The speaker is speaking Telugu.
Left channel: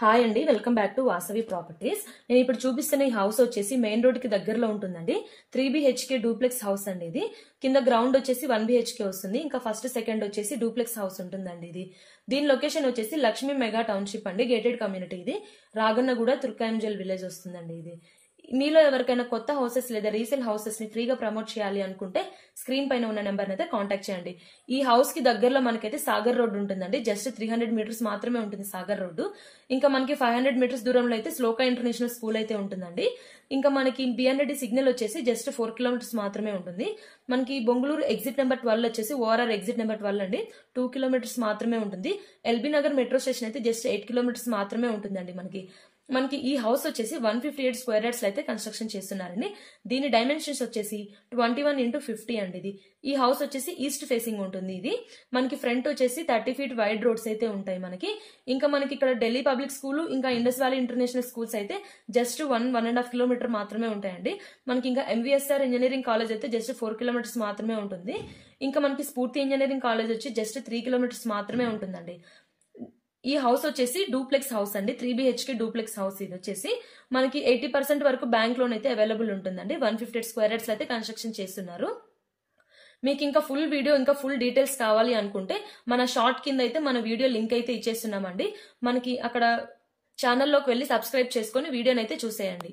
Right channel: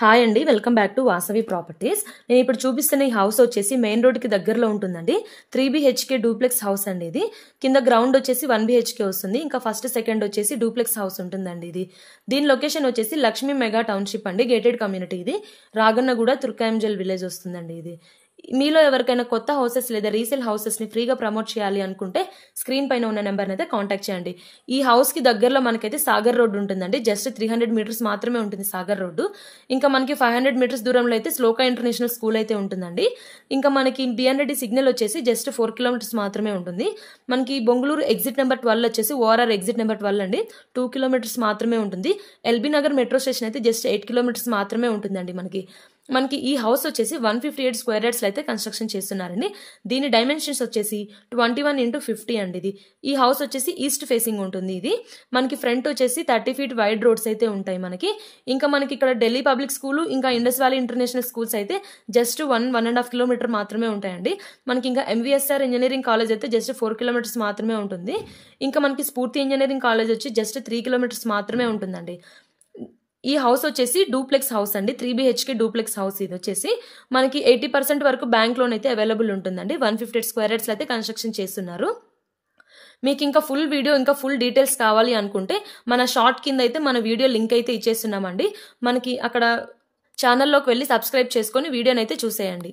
హాయ్ అండి, welcome back to Vasavi properties. నేను ఇప్పుడు చూపిస్తున్న ఈ హౌస్ వచ్చేసి మెయిన్ రోడ్ కి దగ్గరలో ఉంటుందండి. 3 BHK డూప్లెక్స్ హౌస్ అండి. ఇది కింద గ్రౌండ్ వచ్చేసి 1 BHK వస్తుంది. ఇంకా ఫస్ట్ సెకండ్ వచ్చేసి డూప్లెక్స్ హౌస్ ఉంటుందండి. దీని లొకేషన్ వచ్చేసి లక్ష్మీ మెగా టౌన్షిప్ అండి. గేటెడ్ కమ్యూనిటీ ఇది. రాగన్నగూడ తుర్కాయంజల్ విలేజ్ వస్తుందండి. మీలో ఎవరికైనా కొత్త హౌసెస్ లేదా రీసేల్ హౌసెస్ ని ఫ్రీగా ప్రమోట్ చేయాలి అనుకుంటే స్క్రీన్ పైన ఉన్న నెంబర్ అయితే కాంటాక్ట్ చేయండి. ఈ హౌస్ కి దగ్గరలో మనకైతే సాగర్ రోడ్ ఉంటుందండి. జస్ట్ 300 మీటర్స్ మాత్రమే ఉంటుంది సాగర్ రోడ్డు. ఇంకా మనకి 500 మీటర్స్ దూరంలో అయితే శ్లోక ఇంటర్నేషనల్ స్కూల్ అయితే ఉంటుందండి. ఇంకా మనకి బిఎన్రెడ్డి సిగ్నల్ వచ్చేసి జస్ట్ 4 కిలోమీటర్స్ మాత్రమే ఉంటుంది. మనకి బొంగళూరు ఎగ్జిట్ నెంబర్ 12 వచ్చేసి ఓఆర్ఆర్ ఎగ్జిట్ నెంబర్ 12 అండి. 2 కిలోమీటర్స్ మాత్రమే ఉంటుంది. ఎల్బీ నగర్ మెట్రో స్టేషన్ అయితే జస్ట్ 8 కిలోమీటర్స్ మాత్రమే ఉంటుందండి. మనకి ఈ హౌస్ వచ్చేసి 158 స్క్వేర్ యార్డ్స్ అయితే కన్స్ట్రక్షన్ చేస్తున్నారండి. దీని డైమెన్షన్స్ వచ్చేసి 21x50 అండి. ఈ హౌస్ వచ్చేసి ఈస్ట్ ఫేసింగ్ ఉంటుంది. మనకి ఫ్రంట్ వచ్చేసి 30 ఫీట్ వైడ్ రోడ్స్ అయితే ఉంటాయి మనకి. ఇంకా మనకి ఇక్కడ ఢిల్లీ పబ్లిక్ స్కూల్ ఇంకా ఇండస్ వ్యాలీ ఇంటర్నేషనల్ స్కూల్స్ అయితే జస్ట్ 1.5 కిలోమీటర్ మాత్రమే ఉంటాయండి. మనకి ఇంకా ఎంవీఎస్ఆర్ ఇంజనీరింగ్ కాలేజ్ అయితే జస్ట్ 4 కిలోమీటర్స్ మాత్రమే ఉంటుంది. ఇంకా మనకి స్ఫూర్తి ఇంజనీరింగ్ కాలేజ్ వచ్చి జస్ట్ 3 కిలోమీటర్స్ మాత్రమే ఉంటుందండి. ఈ హౌస్ వచ్చేసి డూప్లెక్స్ హౌస్ అండి. 3 BHK డూప్లెక్స్ హౌస్. ఇది వచ్చేసి మనకి 80% వరకు బ్యాంక్ లోన్ అయితే అవైలబుల్ ఉంటుందండి. 158 స్క్వేర్ యార్డ్స్ అయితే కన్స్ట్రక్షన్ చేస్తున్నారు. మీకు ఇంకా ఫుల్ వీడియో ఇంకా ఫుల్ డీటెయిల్స్ కావాలి అనుకుంటే మన షార్ట్ కింద అయితే మన వీడియో లింక్ అయితే ఇచ్చేస్తున్నామండి. మనకి అక్కడ ఛానల్లోకి వెళ్ళి సబ్స్క్రైబ్ చేసుకొని వీడియోని అయితే చూసేయండి.